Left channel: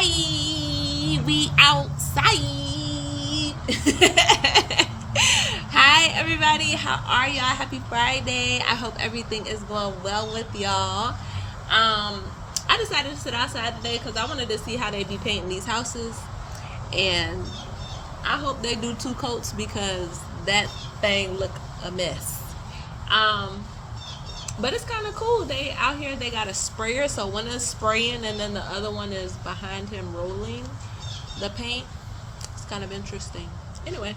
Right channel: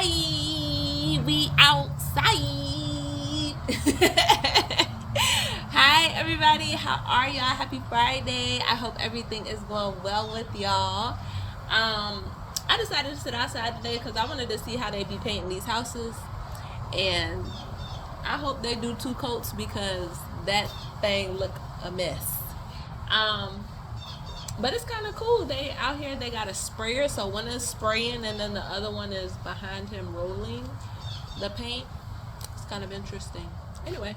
outside. We outside. Hi, everybody. How are y'all? Happy Friday. I hope everything is going well with y'all. I decided to sit outside today because I wanted to see how they be painting these houses. And I hope they do 2 coats because that thing look a mess. But it's kind of cool. They out here, they got a sprayer, so one is spraying and then the other one is behind him rolling the paint. It's kind of interesting. Anyway,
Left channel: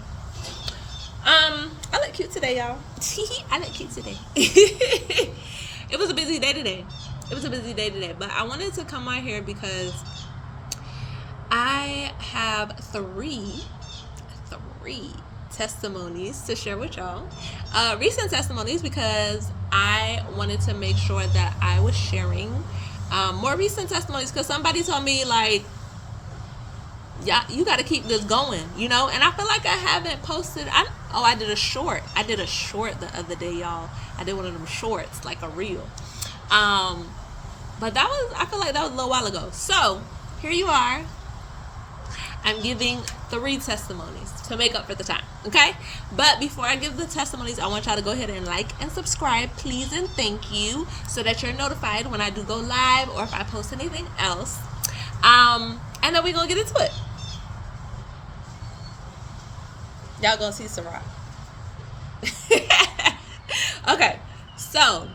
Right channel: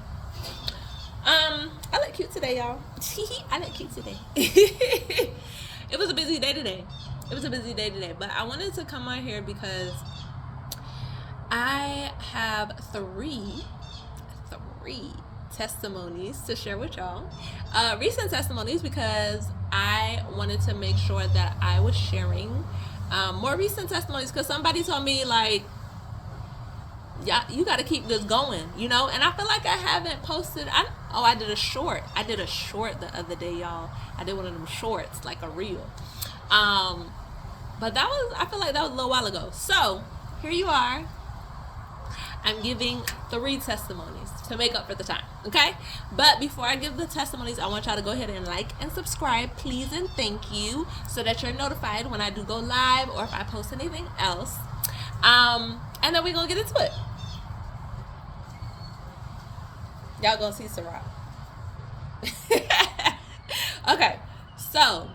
I look cute today, y'all. I look cute today. It was a busy day today. But I wanted to come on here because I have three testimonies to share with y'all. Recent testimonies, because I wanted to make sure that I was sharing more recent testimonies, because somebody told me, like, yeah, you got to keep this going, you know. And I feel like I haven't posted. I did a short. The other day, y'all. I did one of them shorts, like a reel. But I feel like that was a little while ago. So here you are. I'm giving 3 testimonies to make up for the time, okay? But before I give the testimonies, I want y'all to go ahead and like and subscribe, please, and thank you, so that you're notified when I do go live or if I post anything else. And then we're going to get into it. Y'all going to see some rock. Okay, so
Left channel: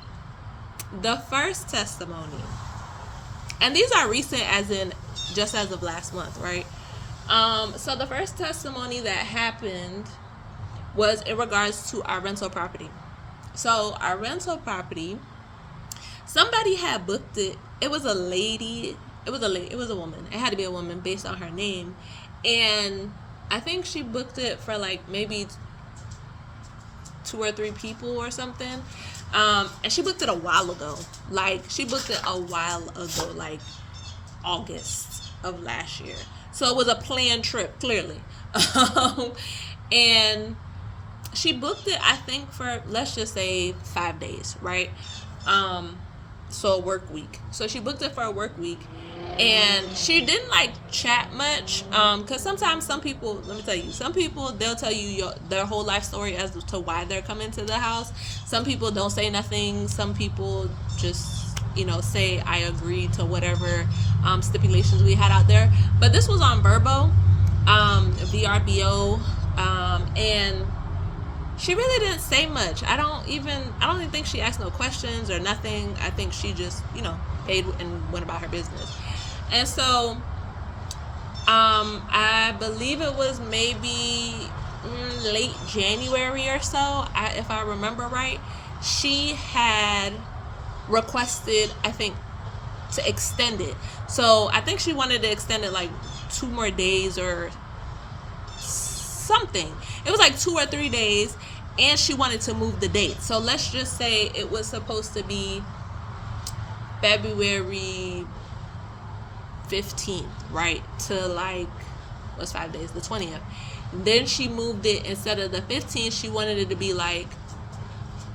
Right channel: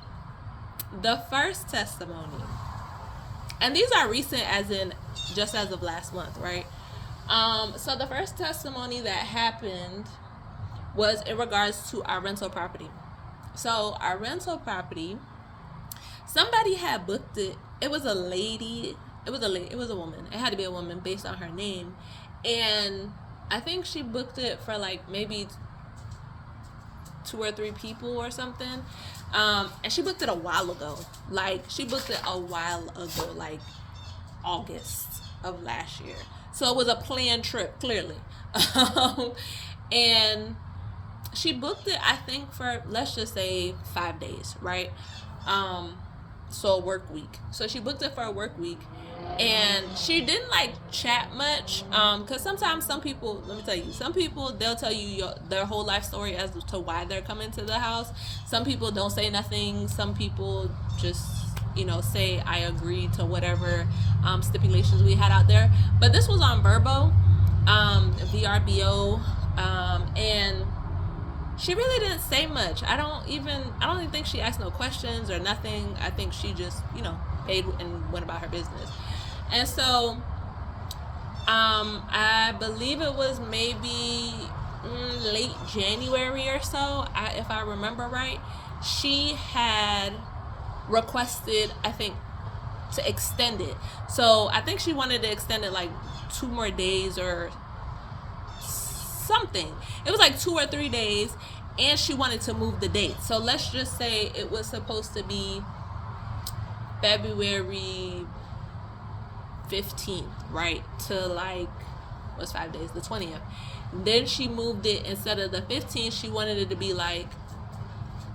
the first testimony, and these are recent as in just as of last month, right? So the first testimony that happened was in regards to our rental property. So our rental property, somebody had booked it. It was a lady. It was a woman. It had to be a woman based on her name. And I think she booked it for like maybe 2 or 3 people or something. And she booked it a while ago. Like August of last year. So it was a planned trip, clearly. And she booked it, I think, for, let's just say 5 days, right? So a work week. So she booked it for a work week. And she didn't like chat much, because sometimes some people, let me tell you, some people, they'll tell you their whole life story as to why they're coming to the house. Some people don't say nothing. Some people just, say I agree to whatever stipulations we had out there. But this was on VRBO, VRBO, and she really didn't say much. I don't even think she asked no questions or nothing. I think she just, paid and went about her business. And so, I believe it was maybe late January or so, if I remember right, she had requested, I think, to extend it. So I think she wanted to extend it like 2 more days or something. It was like 2 or 3 days, and she wanted to move the date. So let's just say it was supposed to be February 15th, right? To like, what's 5 days? The 20th. Then she moved it, instead of the 15th, she wanted it to be like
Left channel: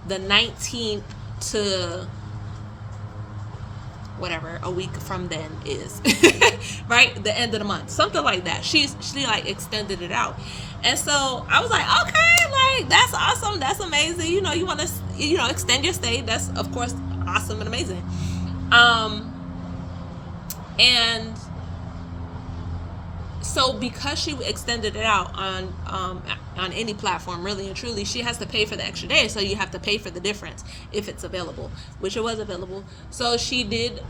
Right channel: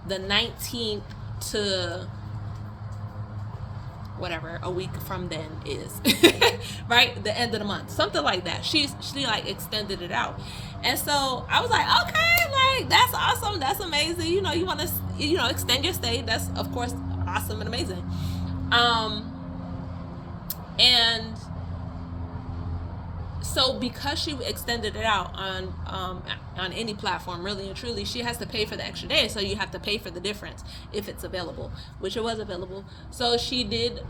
the 19th to whatever a week from then is. Right? The end of the month. Something like that. She like extended it out. And so I was like, okay, like, that's awesome. That's amazing. You want to, extend your stay. That's, of course, awesome and amazing. And so because she extended it out on any platform, really and truly, she has to pay for the extra day. So you have to pay for the difference if it's available, which it was available. So she did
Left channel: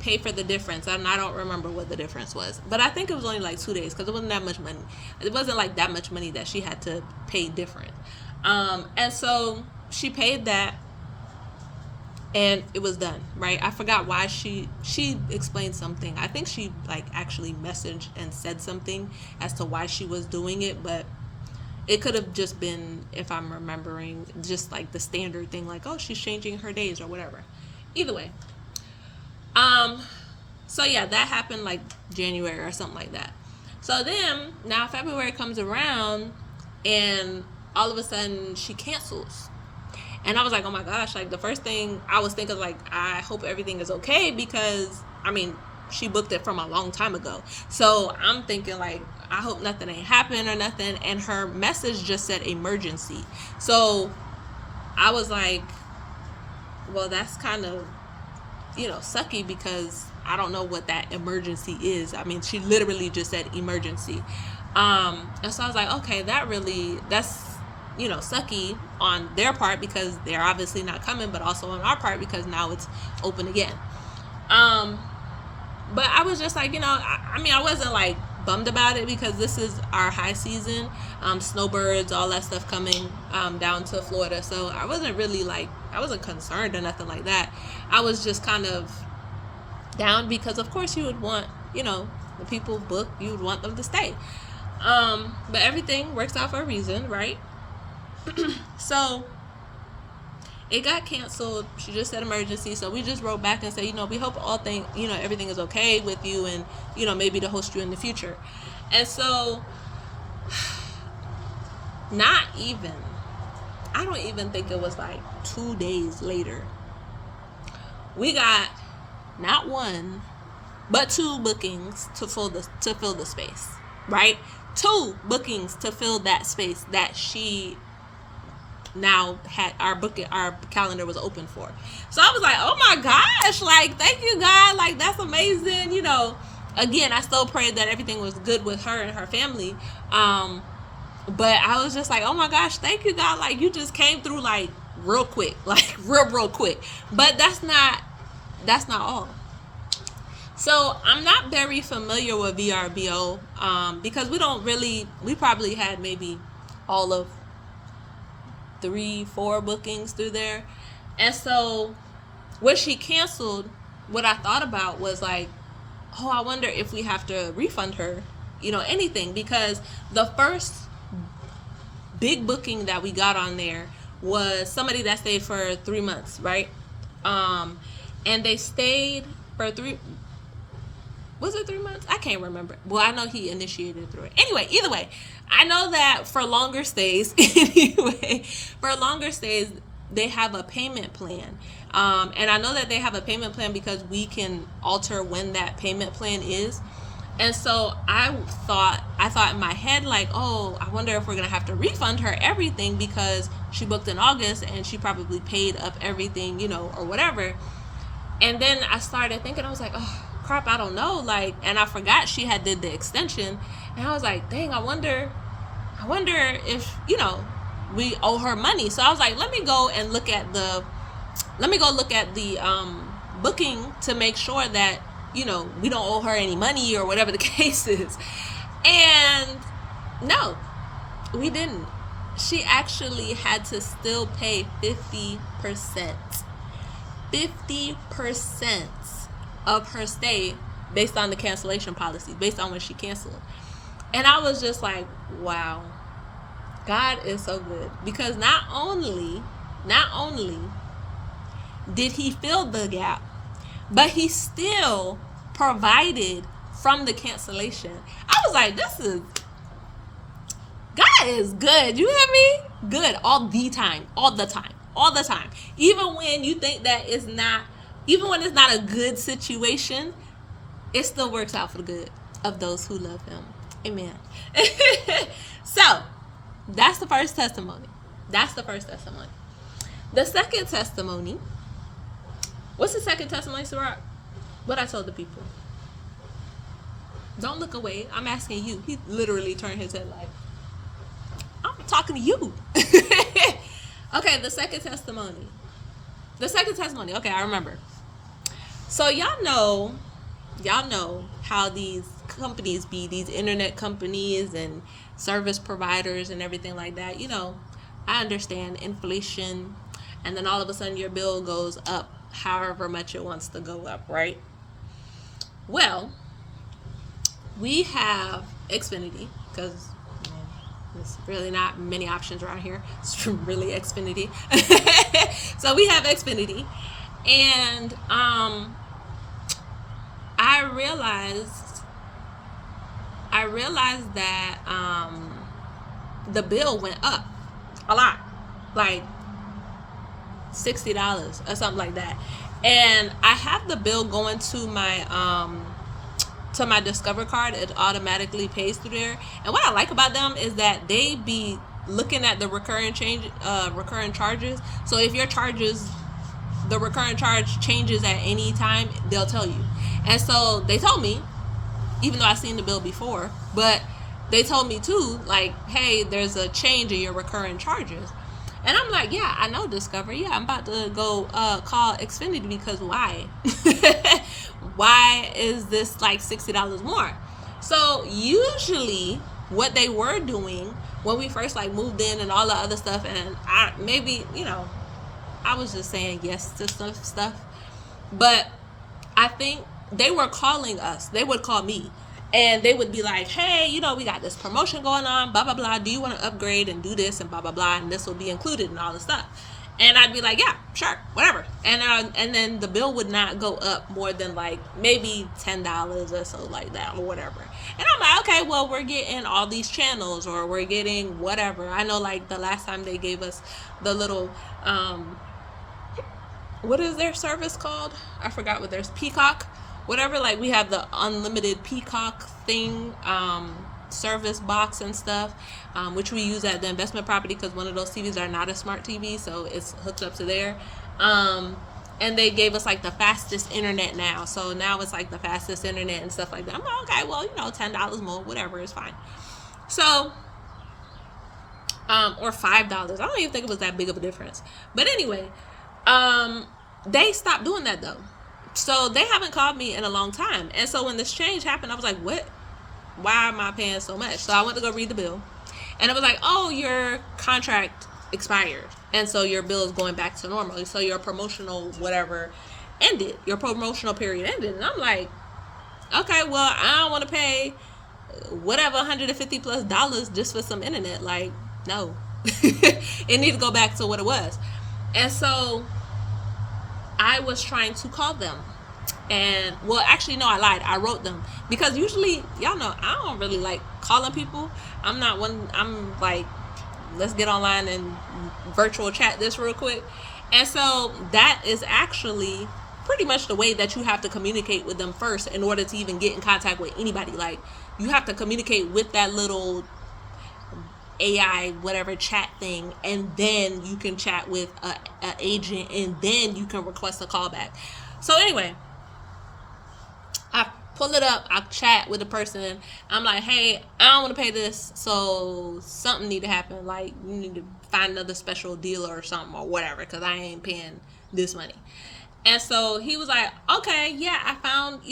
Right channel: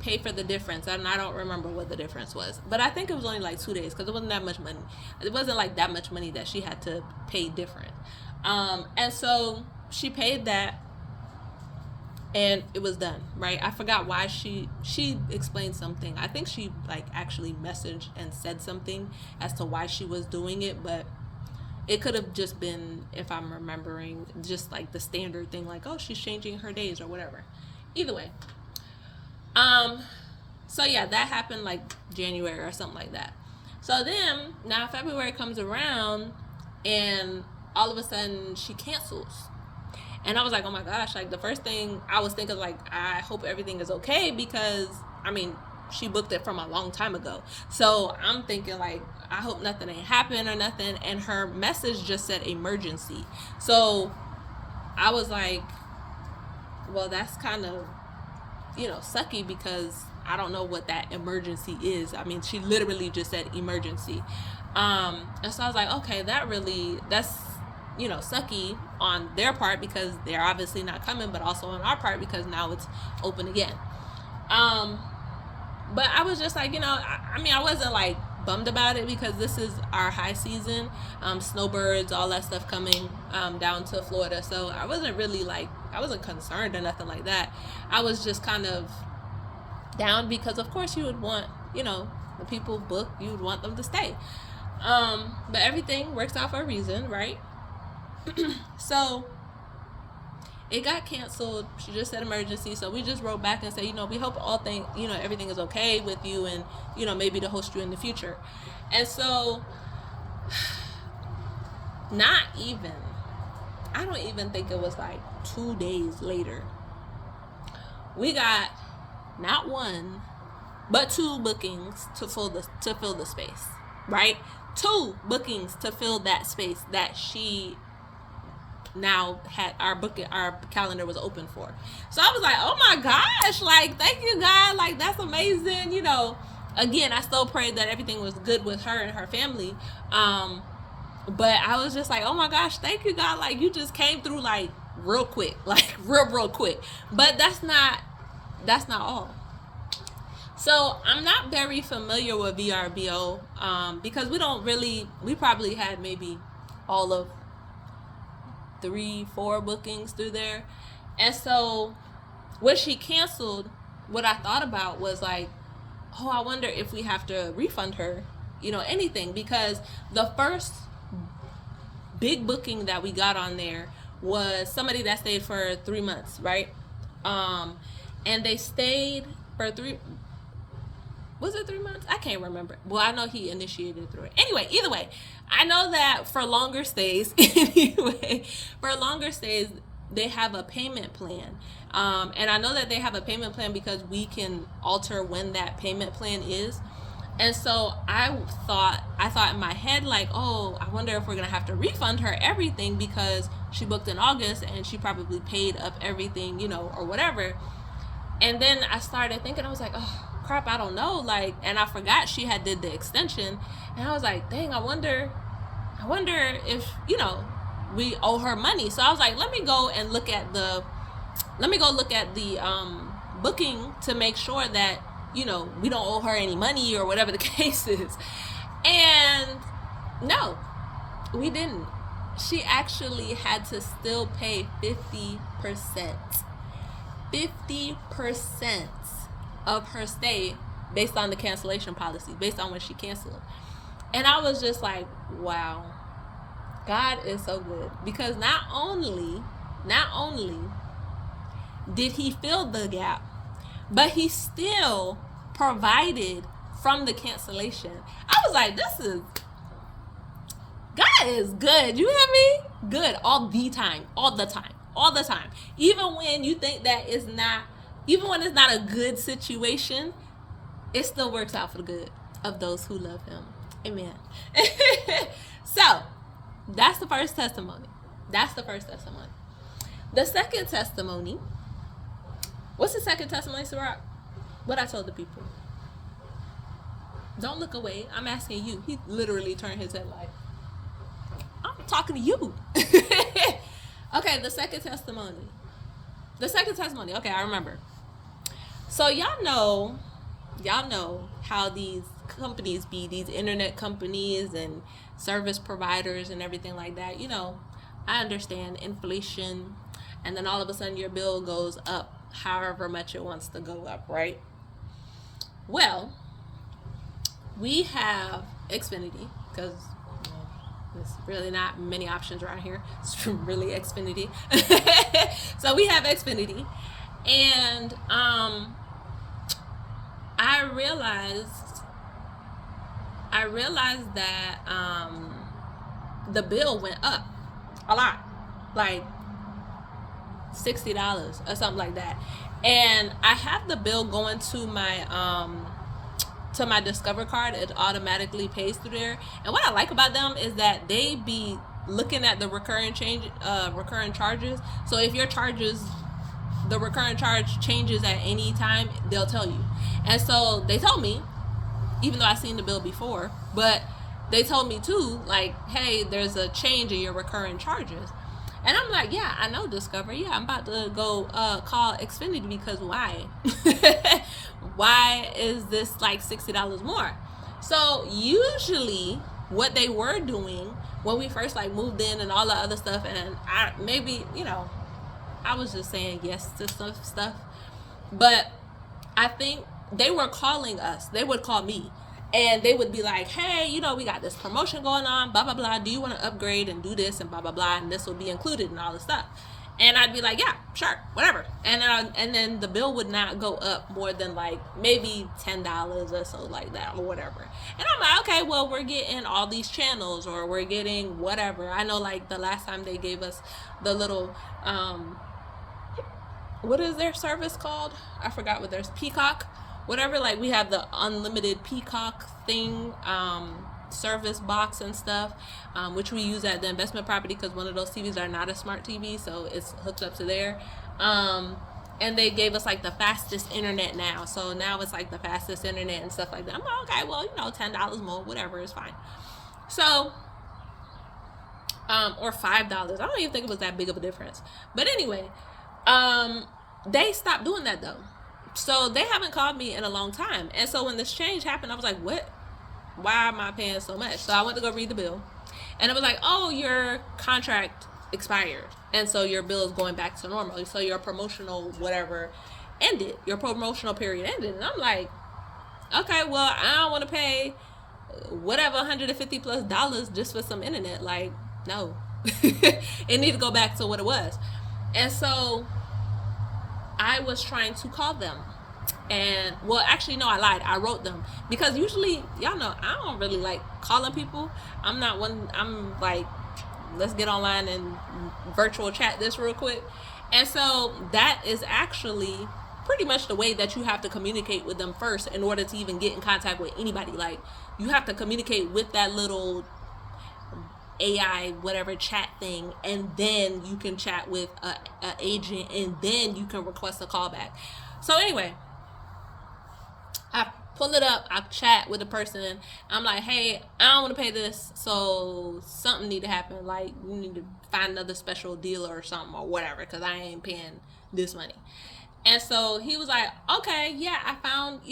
pay for the difference, and I don't remember what the difference was, but I think it was only like 2 days, because it wasn't that much money. It wasn't like that much money that she had to pay different. And so she paid that, and it was done, right? I forgot why she explained something. I think she like actually messaged and said something as to why she was doing it, but it could have just been, if I'm remembering, just like the standard thing, like, oh, she's changing her days or whatever. Either way. So yeah, that happened like January or something like that. So then now February comes around, and all of a sudden she cancels. And I was like, oh my gosh, like, the first thing I was thinking, like, I hope everything is okay, because, I mean, she booked it from a long time ago. So I'm thinking like, I hope nothing ain't happened or nothing. And her message just said emergency. So I was like, well, that's kind of, sucky, because I don't know what that emergency is. I mean, she literally just said emergency. And so I was like, okay, that's, sucky on their part, because they're obviously not coming, but also on our part because now it's open again. But I was just like, I wasn't like bummed about it, because this is our high season, snowbirds, all that stuff coming down to Florida. So I wasn't really like, I wasn't concerned or nothing like that. I was just kind of down, because of course you would want, the people book, you would want them to stay. But everything works out for a reason, right? So it got canceled. She just said emergency. So we just wrote back and said, we hope everything is okay with you, and, maybe to host you in the future. And so I don't even think it was like 2 days later, we got not one, but 2 bookings to fill the space, right? 2 bookings to fill that space that she now had our calendar was open for. So I was like, oh my gosh, like, thank you, God, like, that's amazing. Again, I still prayed that everything was good with her and her family, but I was just like, oh my gosh, thank you, God, like, you just came through like real quick, like real quick. But that's not all. So I'm not very familiar with VRBO, because we probably had maybe all of 3-4 bookings through there. And so when she canceled, what I thought about was like, oh, I wonder if we have to refund her, anything, because the first big booking that we got on there was somebody that stayed for 3 months, right? And they stayed for 3 months? I can't remember. Well, I know he initiated through it. Anyway, either way, I know that for longer stays, they have a payment plan. And I know that they have a payment plan because we can alter when that payment plan is. And so I thought in my head, like, oh, I wonder if we're going to have to refund her everything, because she booked in August and she probably paid up everything, or whatever. And then I started thinking, I was like, oh, crap, I don't know. Like, and I forgot she had did the extension. And I was like, dang, I wonder if, we owe her money. So I was like, let me go look at the booking to make sure that, we don't owe her any money or whatever the case is. And no, we didn't. She actually had to still pay 50% of her stay based on the cancellation policy, based on when she canceled. And I was just like, wow, God is so good, because not only did he fill the gap, but he still provided from the cancellation. I was like, God is good. You hear me? Good all the time. Even when you think that even when it's not a good situation, it still works out for the good of those who love him. Amen. So that's the first testimony. The second testimony. What's the second testimony, Sarah? What I told the people. Don't look away. I'm asking you. He literally turned his head like, I'm talking to you. Okay, the second testimony. Okay, I remember. So y'all know how these companies be, these internet companies and service providers and everything like that. I understand inflation, and then all of a sudden your bill goes up however much it wants to go up, right? Well, we have Xfinity, because there's really not many options around here. It's really Xfinity. So we have Xfinity, and I realized that the bill went up a lot, like $60 or something like that. And I have the bill going to my to my Discover card, it automatically pays through there. And what I like about them is that they be looking at the recurring charges. So if your charges, the recurring charge changes at any time, they'll tell you. And so they told me, even though I've seen the bill before, but they told me too, like, hey, there's a change in your recurring charges. And I'm like, yeah, I know, Discover. Yeah, I'm about to go call Xfinity, because why? Why is this like $60 more? So usually what they were doing when we first like moved in and all the other stuff, and I was just saying yes to stuff, but I think they were calling us. They would call me, and they would be like, hey, we got this promotion going on, blah, blah, blah. Do you want to upgrade and do this and blah, blah, blah, and this will be included and all this stuff. And I'd be like, yeah, sure, whatever. And then the bill would not go up more than like maybe $10 or so like that or whatever. And I'm like, okay, well, we're getting all these channels, or we're getting whatever. I know like the last time they gave us the little, what is their service called? I forgot what there's, Peacock, whatever. Like we have the unlimited Peacock thing, service box and stuff, which we use at the investment property, because one of those TVs are not a smart TV, so it's hooked up to there. And they gave us like the fastest internet now, so now it's like the fastest internet and stuff like that. I'm like, okay, well, $10 more, whatever, it's fine. So or $5, I don't even think it was that big of a difference. But anyway, they stopped doing that though, so they haven't called me in a long time. And so when this change happened, I was like, what? Why am I paying so much? So I went to go read the bill, and it was like, oh, your contract expired, and so your bill is going back to normal. So your promotional whatever ended. Your promotional period ended. And I'm like, okay, well, I don't want to pay whatever $150+ just for some internet. Like, no. It needs to go back to what it was. And so I was trying to call them. And well, actually, no, I lied. I wrote them, because usually, y'all know, I don't really like calling people. I'm not one. I'm like, let's get online and virtual chat this real quick. And so that is actually pretty much the way that you have to communicate with them first in order to even get in contact with anybody. Like, you have to communicate with that little AI whatever chat thing, and then you can chat with an agent, and then you can request a callback. So anyway, I pull it up, I chat with the person. I'm like, hey, I don't want to pay this, so something need to happen. Like, you need to find another special deal or something or whatever, because I ain't paying this money. And so he was like, okay, yeah, I found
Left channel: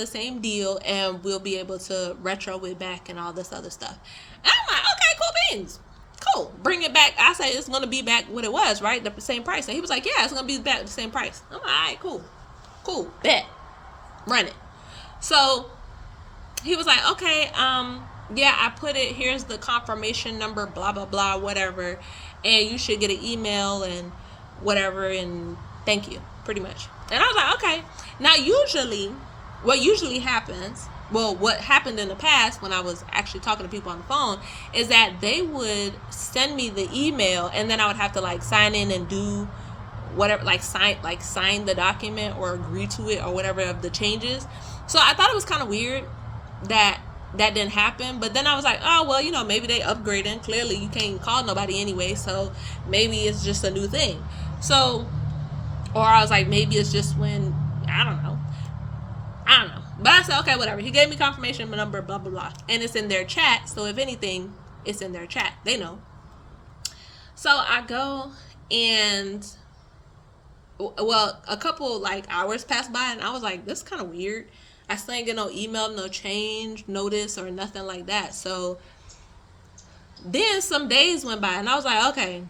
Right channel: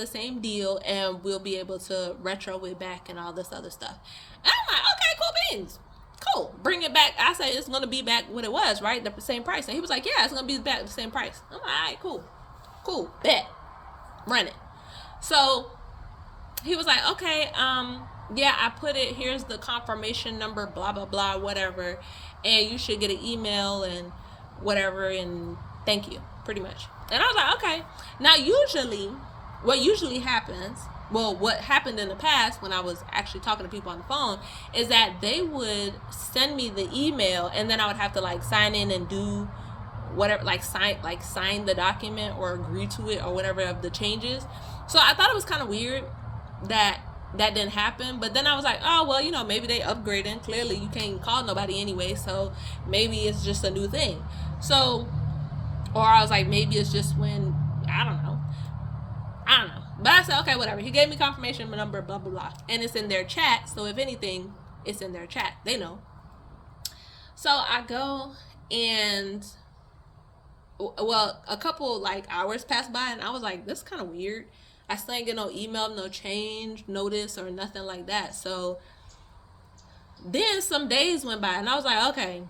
the same deal, and we'll be able to retro it back and all this other stuff. And I'm like, okay, cool beans. Cool. Bring it back. I said it's going to be back what it was, right? The same price. And he was like, yeah, it's going to be back the same price. I'm like, all right, cool. Cool. Bet. Run it. So he was like, okay, yeah, I put it, here's the confirmation number, blah, blah, blah, whatever. And you should get an email and whatever, and thank you, pretty much. And I was like, okay. Now, what usually happens, well, what happened in the past when I was actually talking to people on the phone, is that they would send me the email, and then I would have to like sign in and do whatever, like sign the document or agree to it or whatever of the changes. So I thought it was kind of weird that didn't happen. But then I was like, oh, well, maybe they upgrading. Clearly you can't call nobody anyway, so maybe it's just a new thing. So, or I was like, maybe it's just when, I don't know. But I said, okay, whatever. He gave me confirmation number, blah, blah, blah. And it's in their chat. So if anything, it's in their chat. They know. So I go, and well, a couple like hours passed by, and I was like, this is kind of weird. I still ain't get no email, no change notice or nothing like that. So then some days went by, and I was like, okay,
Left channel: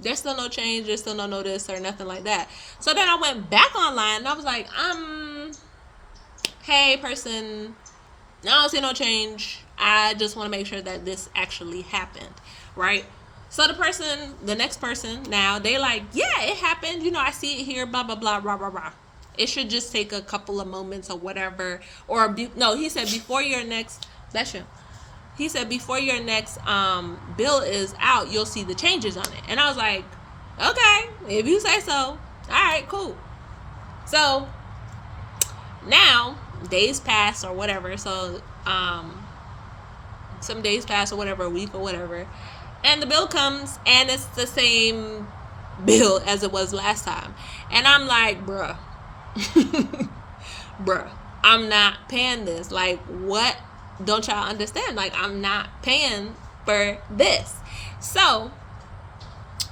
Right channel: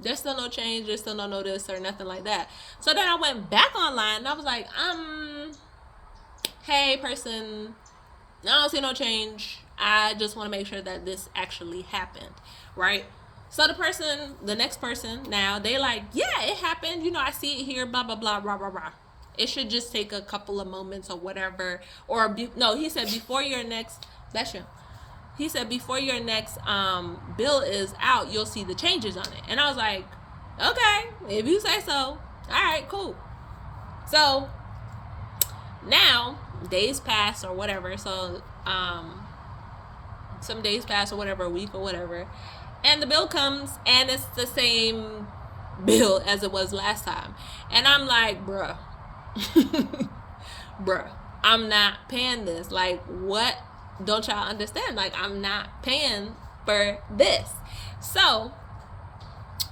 there's still no change, there's still no notice or nothing like that. So then I went back online, and I was like, hey person, I don't see no change. I just want to make sure that this actually happened, right? So the next person now, they like, yeah, it happened. I see it here, blah, blah, blah, blah, blah, blah. It should just take a couple of moments or whatever. Or, no, he said before your next, that's him. He said before your next bill is out, you'll see the changes on it. And I was like, okay, if you say so. All right, cool. So now days pass or whatever. So some days pass or whatever, a week or whatever, and the bill comes and it's the same bill as it was last time. And I'm like, bruh, bruh, I'm not paying this. Like, what? Don't y'all understand? Like, I'm not paying for this. So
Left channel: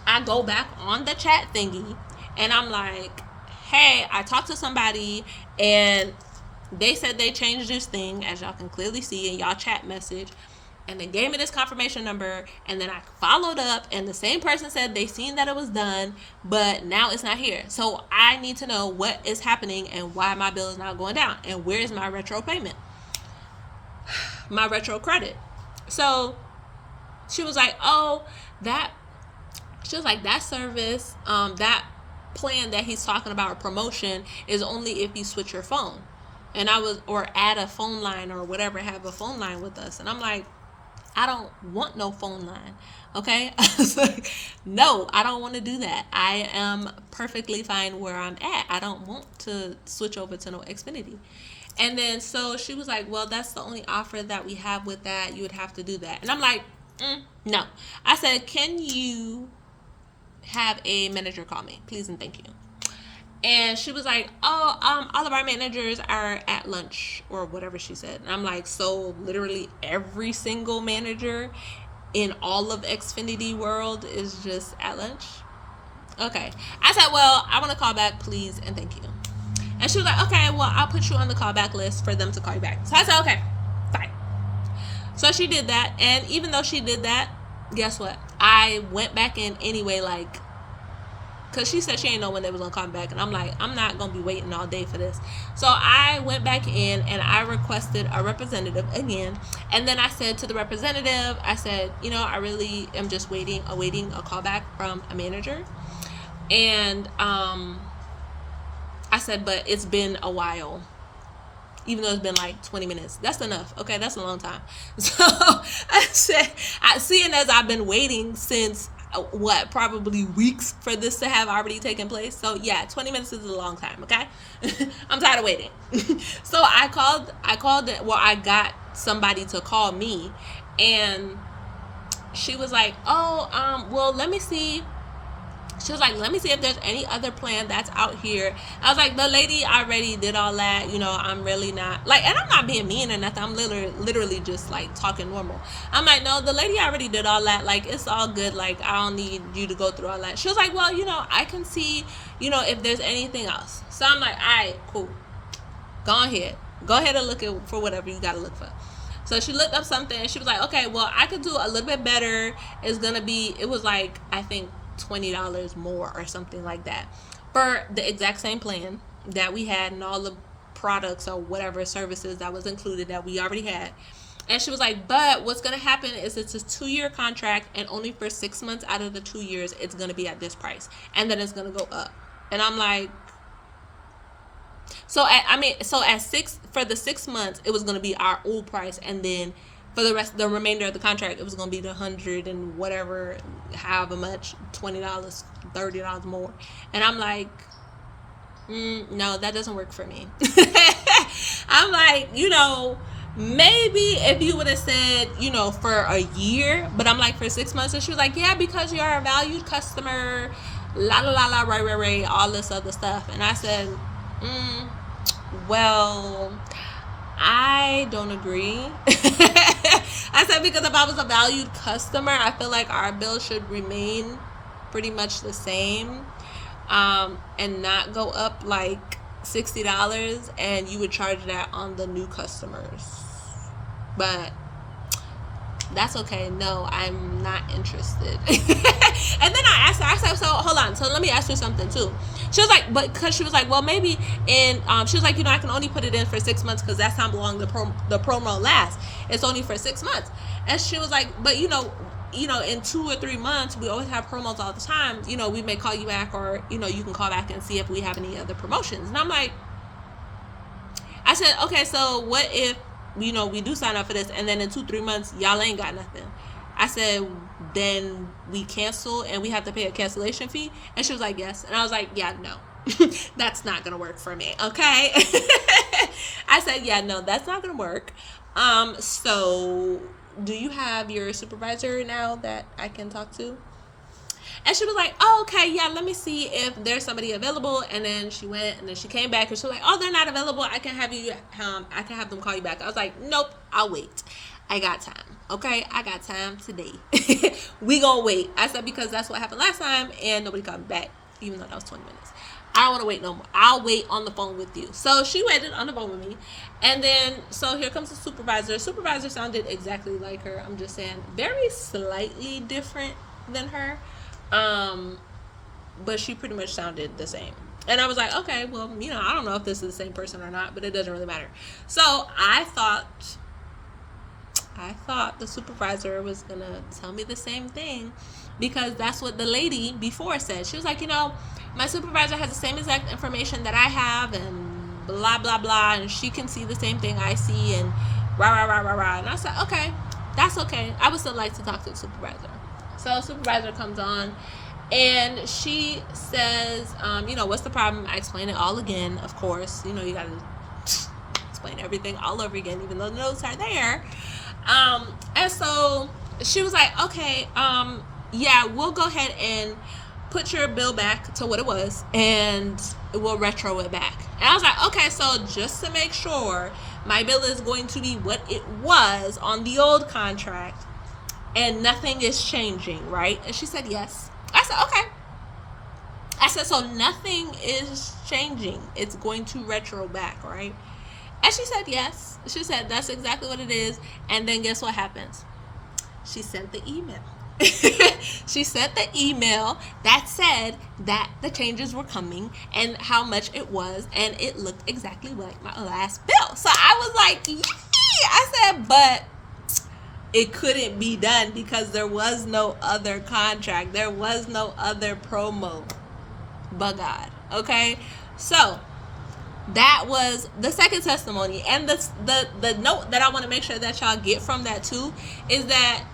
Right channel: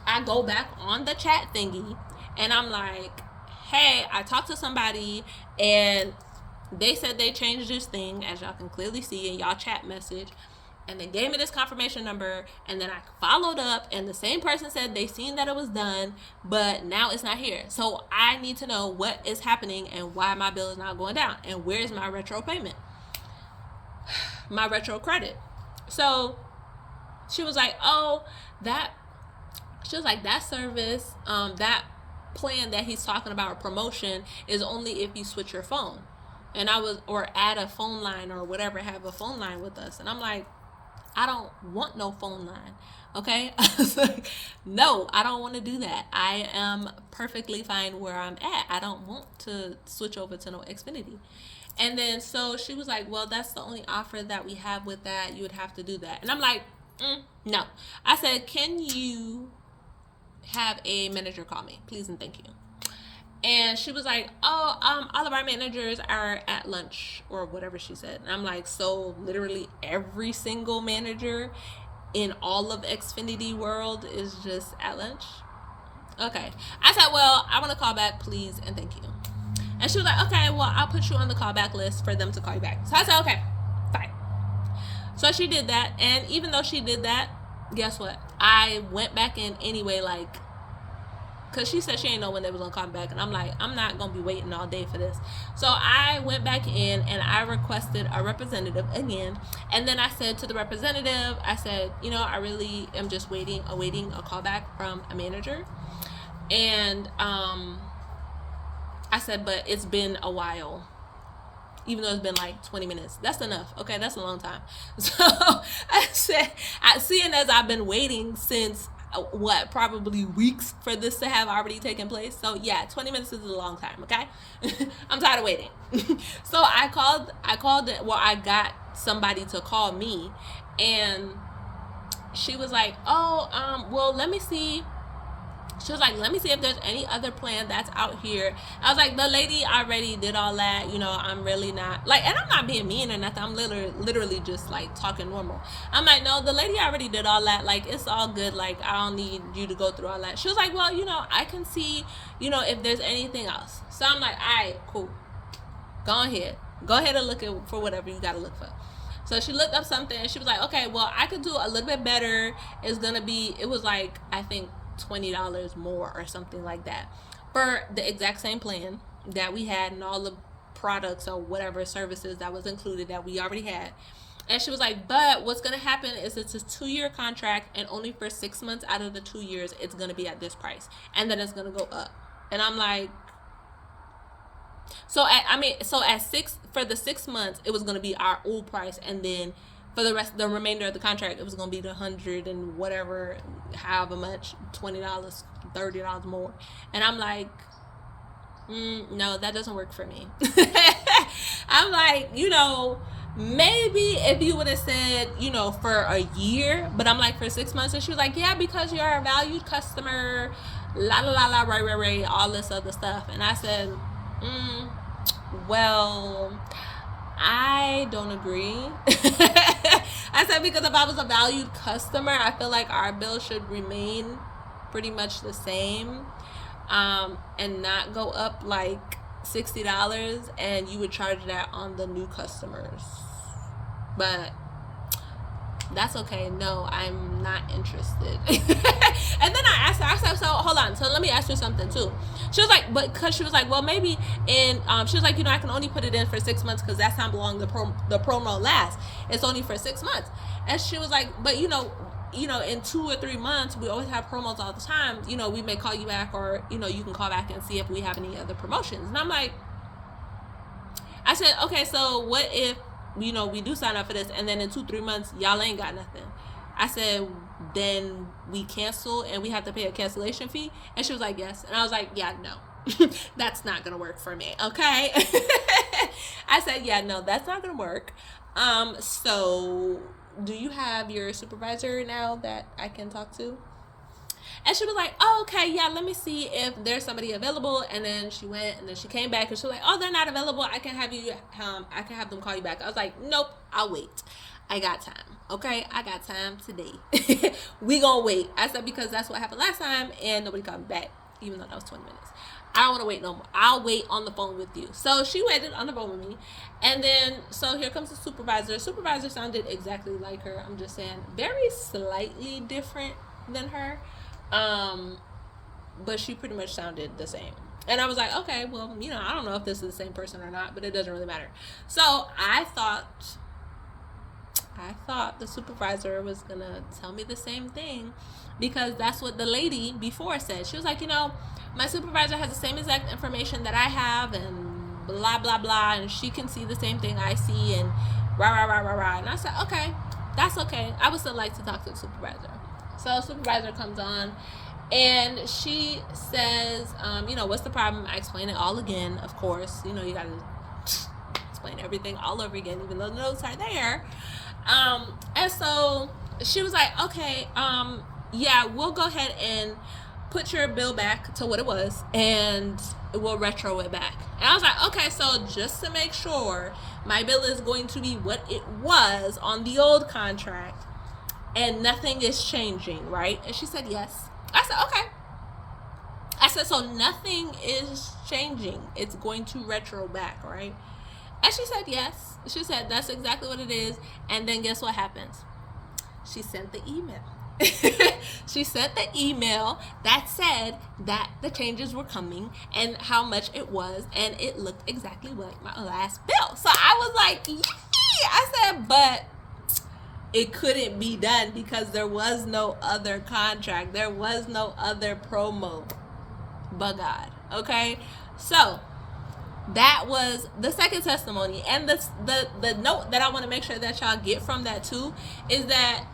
I go back on the chat thingy and I'm like, hey, I talked to somebody and they said they changed this thing, as y'all can clearly see in y'all chat message, and they gave me this confirmation number, and then I followed up and the same person said they seen that it was done, but now it's not here. So I need to know what is happening and why my bill is not going down, and where is my retro payment, my retro credit. So she was like, oh, that service, that plan that he's talking about, promotion, is only if you switch your phone. And I was, or add a phone line or whatever, have a phone line with us. And I'm like, I don't want no phone line. Okay. I was like, no, I don't want to do that. I am perfectly fine where I'm at. I don't want to switch over to no Xfinity. And then so she was like, well, that's the only offer that we have with that. You would have to do that. And I'm like, no. I said, can you have a manager call me, please and thank you. And she was like, oh, all of our managers are at lunch, or whatever she said. And I'm like, so literally every single manager in all of Xfinity world is just at lunch? Okay. I said, well, I want to call back, please and thank you. And she was like, okay, well, I'll put you on the callback list for them to call you back. So I said, okay, fine. So she did that. And even though she did that, guess what? I went back in anyway, like, because she said she ain't know when they was going to come back. And I'm like, I'm not going to be waiting all day for this. So I went back in and I requested a representative again. And then I said to the representative, I said, you know, I really am just awaiting a callback from a manager. And I said, but it's been a while. Even though it's been like 20 minutes. That's enough. Okay, that's a long time. So I said, seeing as I've been waiting since probably weeks for this to have already taken place. So yeah, 20 minutes is a long time, okay? I'm tired of waiting. So I got somebody to call me, and she was like, oh, well, let me see. She was like, let me see if there's any other plan that's out here. I was like, the lady already did all that. You know, I'm really not, like, and I'm not being mean or nothing. I'm literally just, like, talking normal. I'm like, no, the lady already did all that. Like, it's all good. Like, I don't need you to go through all that. She was like, well, you know, I can see, you know, if there's anything else. So I'm like, all right, cool. Go ahead and look for whatever you got to look for. So she looked up something, and she was like, okay, well, I could do a little bit better. It was like, I think, $20 more or something like that for the exact same plan that we had and all the products or whatever services that was included that we already had. And she was like, but what's going to happen is it's a 2-year contract, and only for 6 months out of the 2 years it's going to be at this price, and then it's going to go up. And I'm like, for the 6 months it was going to be our old price, and then for the remainder of the contract, it was going to be the $100 and whatever, however much, $20, $30 more. And I'm like, no, that doesn't work for me. I'm like, you know, maybe if you would have said, you know, for a year, but I'm like, for 6 months. And she was like, yeah, because you're a valued customer, right, all this other stuff. And I said, well, I don't agree. I said, because if I was a valued customer, I feel like our bill should remain pretty much the same, and not go up like $60, and you would charge that on the new customers. But that's okay. No, I'm not interested. And then I asked her, I said, so hold on, so let me ask you something too. She was like, but because she was like, well, maybe she was like, you know, I can only put it in for 6 months because that's how long the promo lasts. It's only for 6 months. And she was like, but you know, in 2 or 3 months, we always have promos all the time. You know, we may call you back, or, you know, you can call back and see if we have any other promotions. And I'm like, I said, okay, so what if, you know, we do sign up for this, and then in 2-3 months, y'all ain't got nothing? I said, then we cancel and we have to pay a cancellation fee? And she was like, yes. And I was like, yeah, no, that's not going to work for me. Okay. I said, yeah, no, that's not gonna work. So do you have your supervisor now that I can talk to? And she was like, oh, okay, yeah, let me see if there's somebody available. And then she went, and then she came back, and she was like, oh, they're not available. I can have them call you back. I was like, nope, I'll wait. I got time. Okay, I got time today. We gonna wait. I said, because that's what happened last time, and nobody called me back, even though that was 20 minutes. I don't want to wait no more. I'll wait on the phone with you. So she waited on the phone with me. And then, so here comes the supervisor. Supervisor sounded exactly like her. I'm just saying, very slightly different than her. But she pretty much sounded the same. And I was like, okay, well, I don't know if this is the same person or not, but it doesn't really matter. So I thought the supervisor was going to tell me the same thing, because that's what the lady before said. She was like, my supervisor has the same exact information that I have, and blah, blah, blah, and she can see the same thing I see, and rah, rah, rah, rah, rah. And I said, okay, that's okay. I would still like to talk to the supervisor. So supervisor comes on, and she says, what's the problem? I explain it all again, of course. You got to explain everything all over again, even though the notes are there. And so she was like, okay, yeah, we'll go ahead and put your bill back to what it was, and we'll retro it back. And I was like, okay, so just to make sure my bill is going to be what it was on the old contract, and nothing is changing, right? And she said, yes. I said, okay. I said, so nothing is changing. It's going to retro back, right? And she said, yes. She said, that's exactly what it is. And then guess what happens? She sent the email. She sent the email that said that the changes were coming and how much it was, and it looked exactly like my last bill. So I was like, yee! I said, but it couldn't be done because there was no other contract. There was no other promo. But God, okay? So that was the second testimony. And the note that I want to make sure that y'all get from that too is that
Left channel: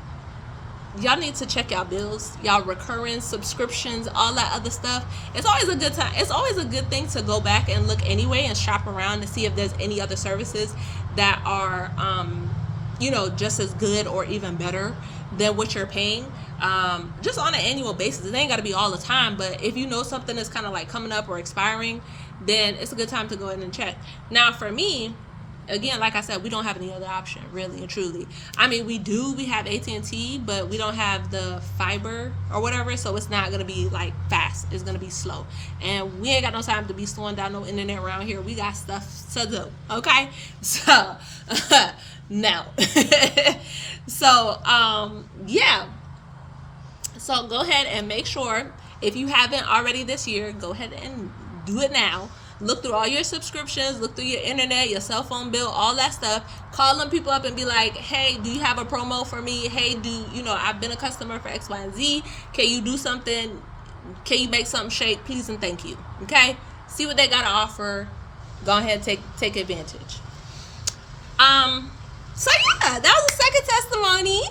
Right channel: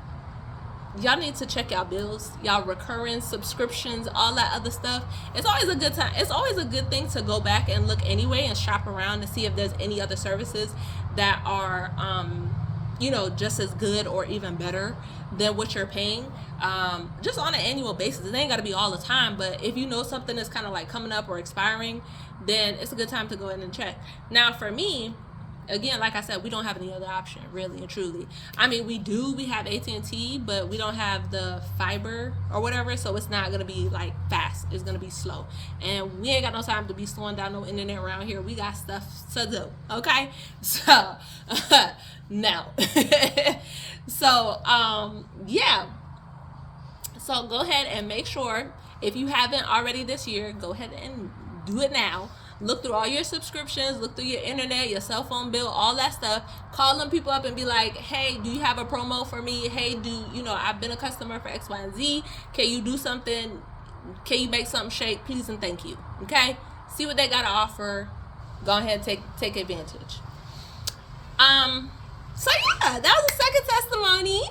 y'all need to check y'all bills, y'all recurring subscriptions, all that other stuff. It's always a good time. It's always a good thing to go back and look anyway and shop around and see if there's any other services that are just as good or even better than what you're paying, just on an annual basis. It ain't got to be all the time, but if you know something is kind of like coming up or expiring, then it's a good time to go in and check. Now for me, again, like I said, we don't have any other option, really and truly. I mean, we have AT&T, but we don't have the fiber or whatever, so it's not going to be like fast. It's going to be slow, and we ain't got no time to be slowing down no internet around here. We got stuff to do, okay? So no. So yeah, so go ahead and make sure, if you haven't already this year, go ahead and do it now. Look through all your subscriptions, look through your internet, your cell phone bill, all that stuff. Call them people up and be like, hey, do you have a promo for me? Hey, I've been a customer for X, Y, and Z. Can you do something? Can you make something shake? Please and thank you. Okay? See what they got to offer. Go ahead and take advantage. So yeah, that was the second testimony.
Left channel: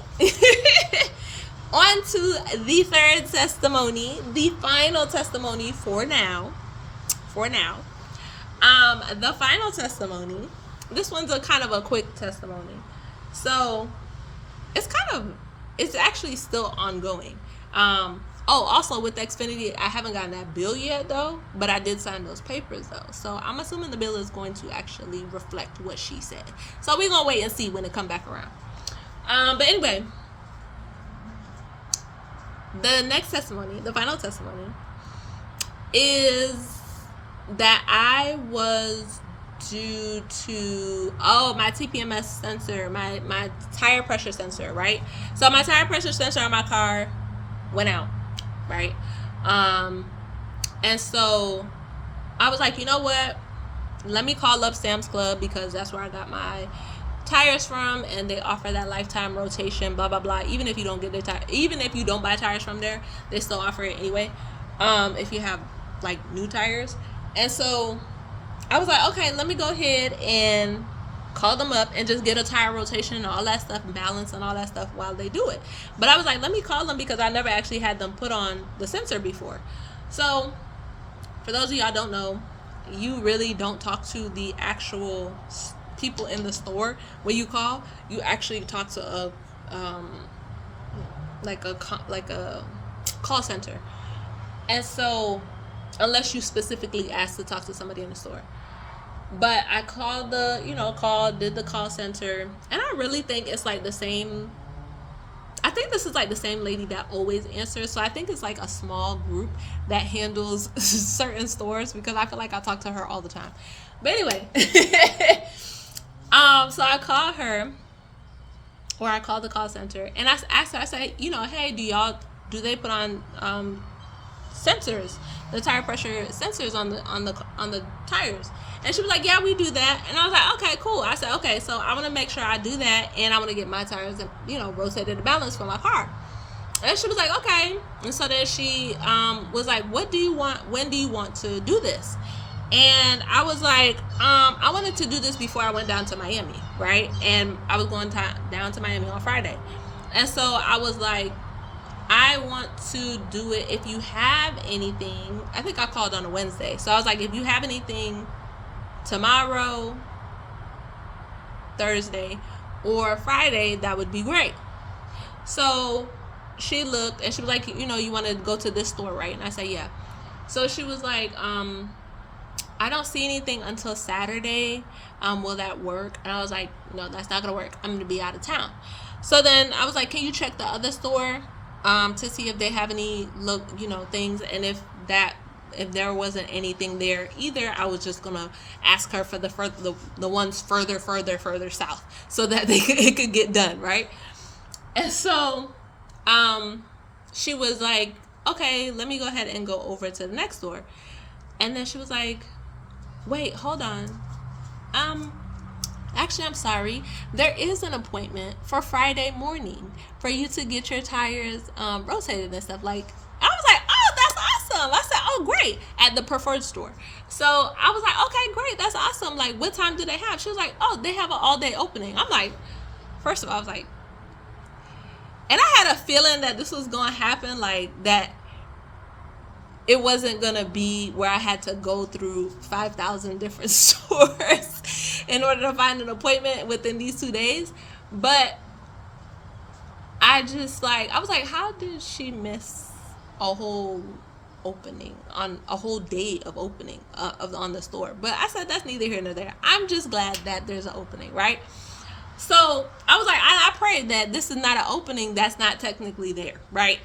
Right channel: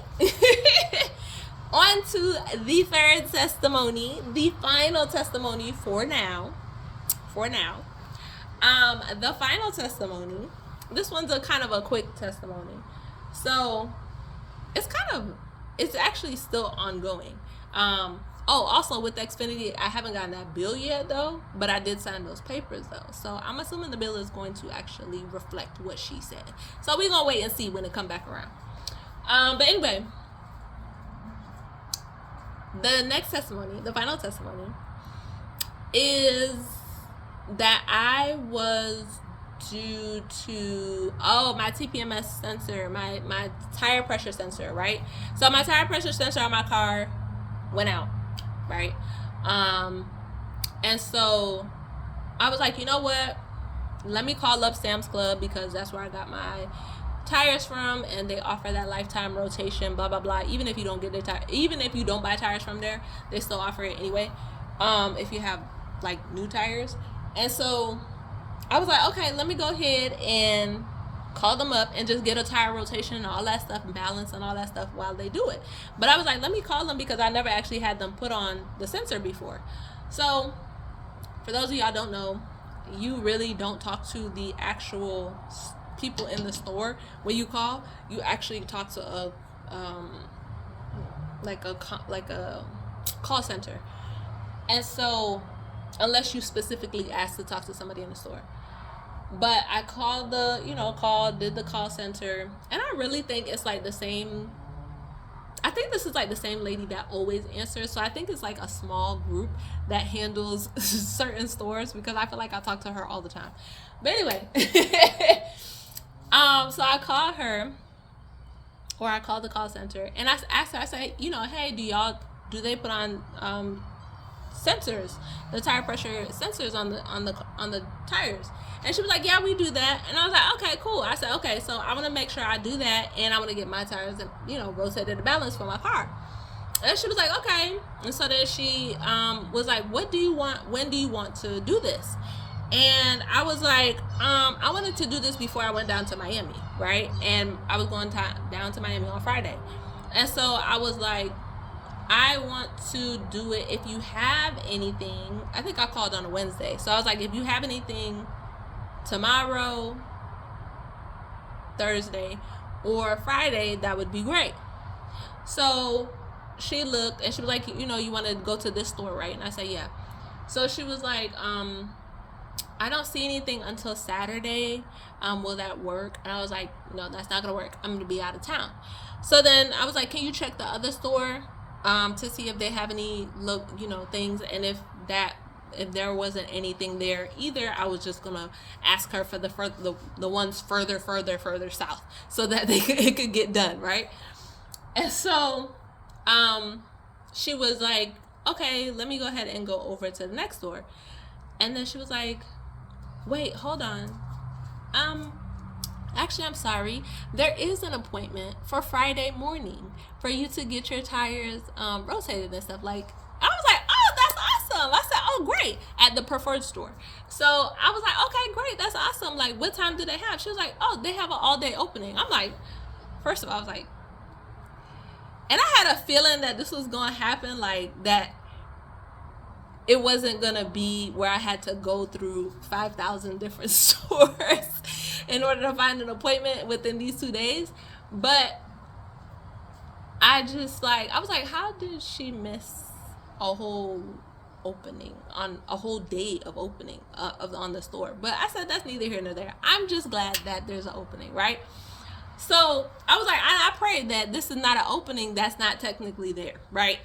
On to the third testimony, the final testimony for now. The final testimony, this one's a kind of a quick testimony. So it's actually still ongoing. Also with Xfinity, I haven't gotten that bill yet though, but I did sign those papers though. So I'm assuming the bill is going to actually reflect what she said. So we're gonna wait and see when it come back around. But anyway, the next testimony, the final testimony, is that I was due to my TPMS sensor, my tire pressure sensor, right? So my tire pressure sensor on my car went out, right? And so I was like, you know what? Let me call up Sam's Club, because that's where I got my tires from, and they offer that lifetime rotation, blah blah blah. Even if you don't get the tire, even if you don't buy tires from there, they still offer it anyway. If you have like new tires. And so I was like, okay, let me go ahead and call them up and just get a tire rotation and all that stuff, and balance and all that stuff while they do it. But I was like, let me call them, because I never actually had them put on the sensor before. So for those of y'all don't know, you really don't talk to the actual people in the store when you call. You actually talk to a like a call center. And so, unless you specifically ask to talk to somebody in the store. But I called did the call center, and I really think it's like the same. I think this is like the same lady that always answers. So I think it's like a small group that handles certain stores, because I feel like I talk to her all the time. But anyway, so I called her, or I called the call center, and I asked her. I said, hey, do they put on sensors, the tire pressure sensors on the tires? And she was like, yeah, we do that. And I was like, okay, cool. I said, okay, so I want to make sure I do that, and I want to get my tires, rotated to balance for my car. And she was like, okay. And so then she was like, what do you want? When do you want to do this? And I was like, I wanted to do this before I went down to Miami, right? And I was going down to Miami on Friday. And so I was like, I want to do it if you have anything. I think I called on a Wednesday. So I was like, if you have anything tomorrow, Thursday, or Friday, that would be great. So she looked and she was like, you want to go to this store, right? And I said, yeah. So she was like, I don't see anything until Saturday. Will that work? And I was like, no, that's not gonna work. I'm gonna be out of town. So then I was like, can you check the other store to see if they have any things? And if there wasn't anything there either, I was just gonna ask her for the ones further south, so that it could get done, right? And so she was like, okay, let me go ahead and go over to the next door. And then she was like, wait, hold on, actually, I'm sorry, there is an appointment for Friday morning for you to get your tires rotated and stuff. Like, I was like, oh, that's awesome. I said, oh, great, at the preferred store. So I was like, okay, great, that's awesome. Like, what time do they have? She was like, oh, they have an all-day opening. I'm like, first of all, I was like, and I had a feeling that this was going to happen, like that it wasn't going to be where I had to go through 5,000 different stores in order to find an appointment within these 2 days. But I was like, how did she miss a whole opening, on a whole day of opening on the store? But I said, that's neither here nor there. I'm just glad that there's an opening, right? So I was like, I prayed that this is not an opening that's not technically there, right?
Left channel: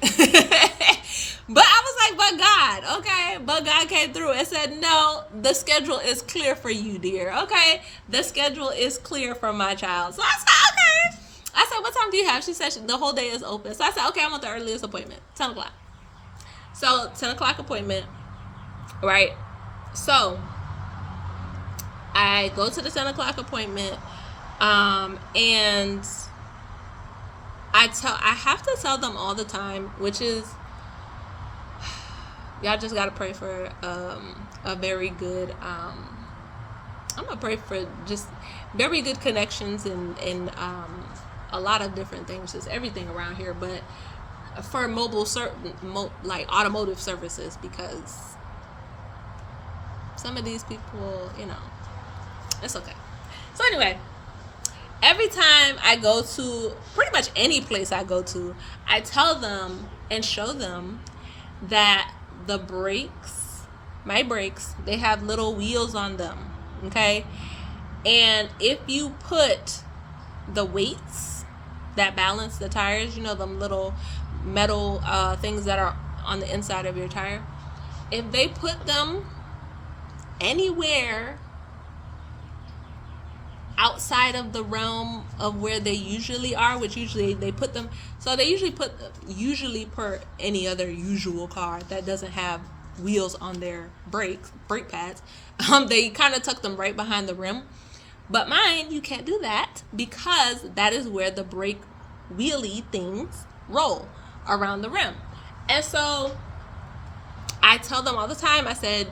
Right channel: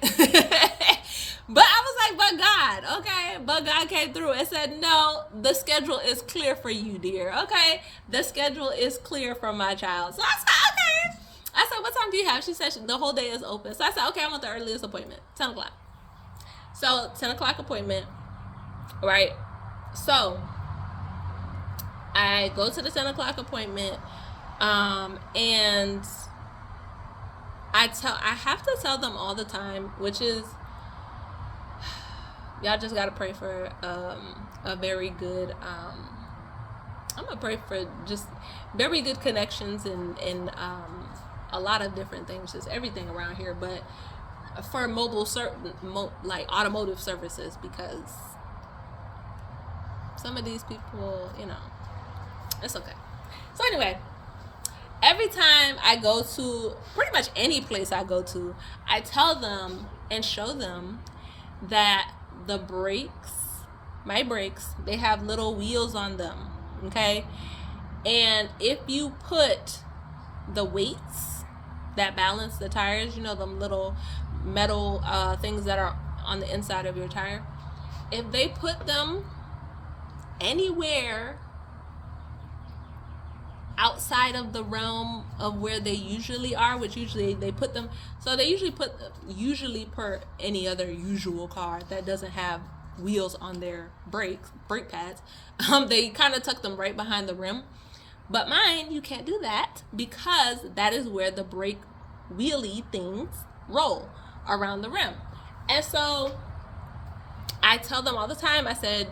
But I was like, but God, okay? But God came through and said, no, the schedule is clear for you, dear, okay? The schedule is clear for my child. So I said, okay. I said, what time do you have? She said the whole day is open. So I said, okay, I want the earliest appointment, 10 o'clock. So 10 o'clock appointment, right? So I go to the 10 o'clock appointment, and I have to tell them all the time, which is, y'all just got to pray for a very good, I'm going to pray for just very good connections and a lot of different things, just everything around here. But for like automotive services, because some of these people, it's okay. So anyway, every time I go to, pretty much any place I go to, I tell them and show them that the my brakes, they have little wheels on them, okay? And if you put the weights that balance the tires, them little metal things that are on the inside of your tire, if they put them anywhere outside of the realm of where they usually are, which usually they put them, so they usually per any other usual car that doesn't have wheels on their brake pads, they kind of tuck them right behind the rim. But mine, you can't do that, because that is where the brake wheelie things roll around the rim. And so I tell them all the time, I said,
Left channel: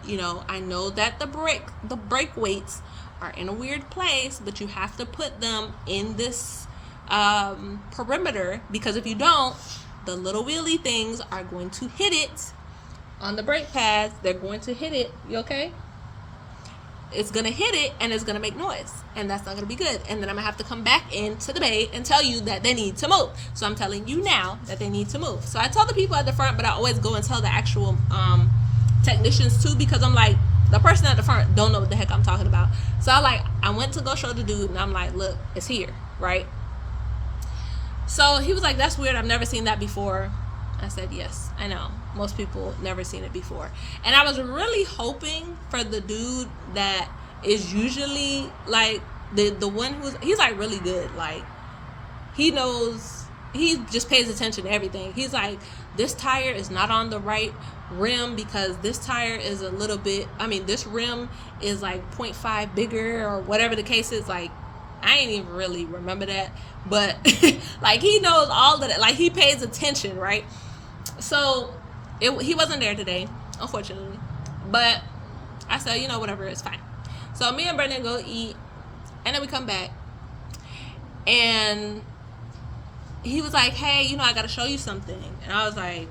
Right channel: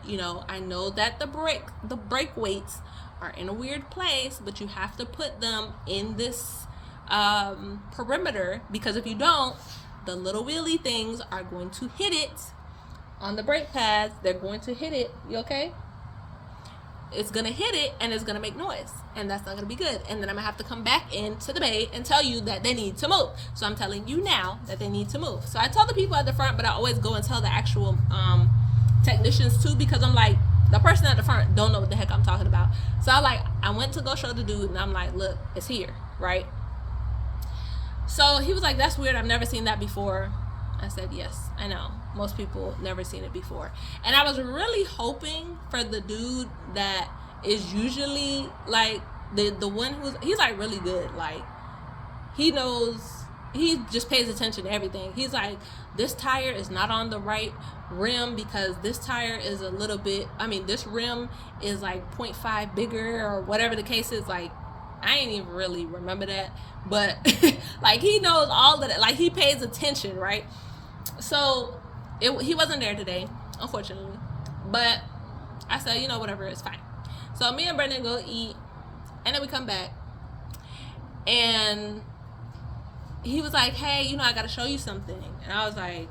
I know that the brake weights are in a weird place, but you have to put them in this perimeter, because if you don't, the little wheelie things are going to hit it on the brake pads. They're going to hit it. You okay? it's gonna hit it and it's gonna make noise, and that's not gonna be good. And then I'm gonna have to come back into the bay and tell you that they need to move. So I'm telling you now that they need to move. So I tell the people at the front, but I always go and tell the actual technicians too, because I'm like, the person at the front don't know what the heck I'm talking about. So I went to go show the dude, and I'm like, look, it's here, right? So he was like, that's weird, I've never seen that before. I said, yes, I know. Most people never seen it before. And I was really hoping for the dude that is usually like the one he's like really good. Like, he knows, he just pays attention to everything. He's like, this tire is not on the right rim because this tire is a little bit, this rim is like 0.5 bigger or whatever the case is. Like, I ain't even really remember that, but like, he knows all of that. Like, he pays attention, right? So he wasn't there today, unfortunately, but I said, whatever, it's fine. So me and Brendan go eat, and then we come back, and he was like, hey, I gotta show you something. And I was like,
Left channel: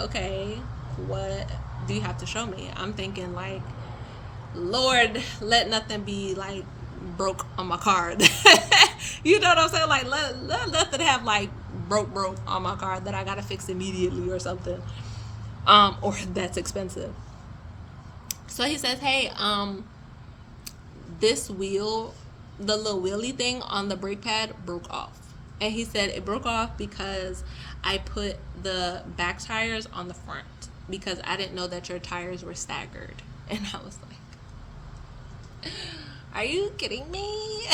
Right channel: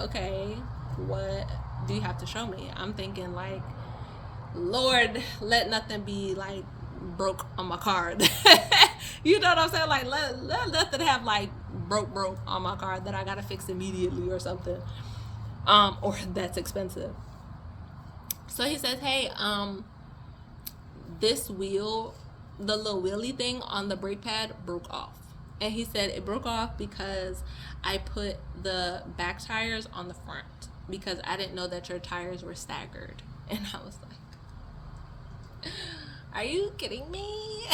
okay, what do you have to show me? I'm thinking, like, Lord, let nothing be like broke on my car. You know what I'm saying? Like, let nothing have like broke on my car that I gotta fix immediately or something, or that's expensive. So he says, hey, this wheel, the little wheelie thing on the brake pad broke off. And he said it broke off because I put the back tires on the front because I didn't know that your tires were staggered. And I was like, are you kidding me?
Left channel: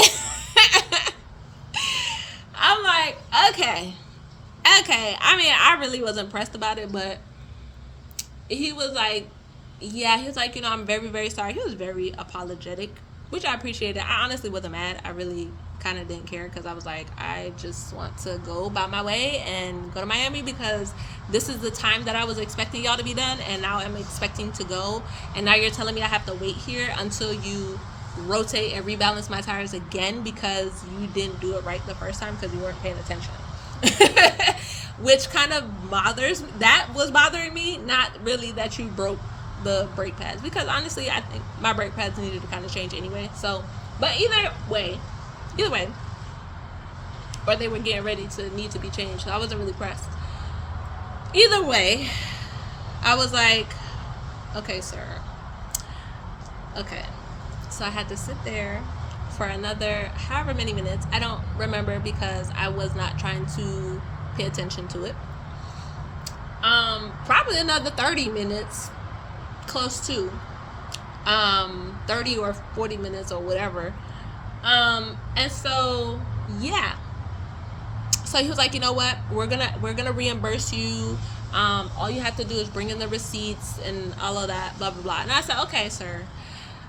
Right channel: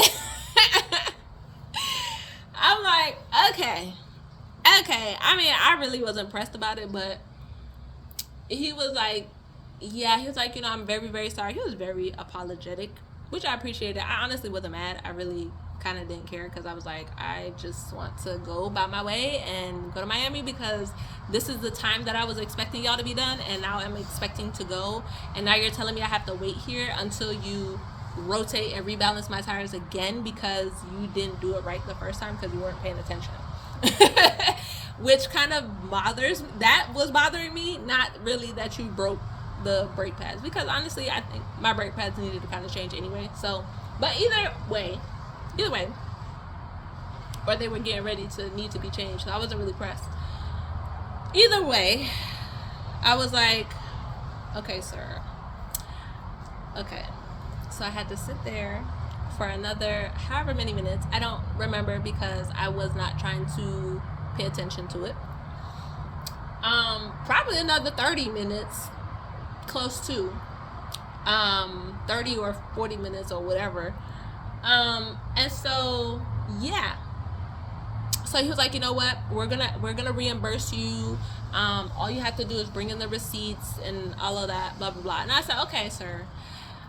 I'm like, okay. I really was impressed about it, but he was like, yeah, he was like, I'm very, very sorry. He was very apologetic, which I appreciated. I honestly wasn't mad. I really kind of didn't care because I was like, I just want to go about my way and go to Miami because this is the time that I was expecting y'all to be done, and now I'm expecting to go, and now you're telling me I have to wait here until you rotate and rebalance my tires again because you didn't do it right the first time because you weren't paying attention. Which kind of was bothering me, not really that you broke the brake pads, because honestly I think my brake pads needed to kind of change anyway. So, but either way, or they were getting ready to need to be changed, so I wasn't really pressed. Either way, I was like, okay, sir. Okay. So I had to sit there for another however many minutes. I don't remember because I was not trying to pay attention to it. Probably another 30 minutes, close to 30 or 40 minutes or whatever. And so, yeah. So he was like, you know what? We're gonna reimburse you. All you have to do is bring in the receipts and all of that, blah, blah, blah. And I said, okay, sir.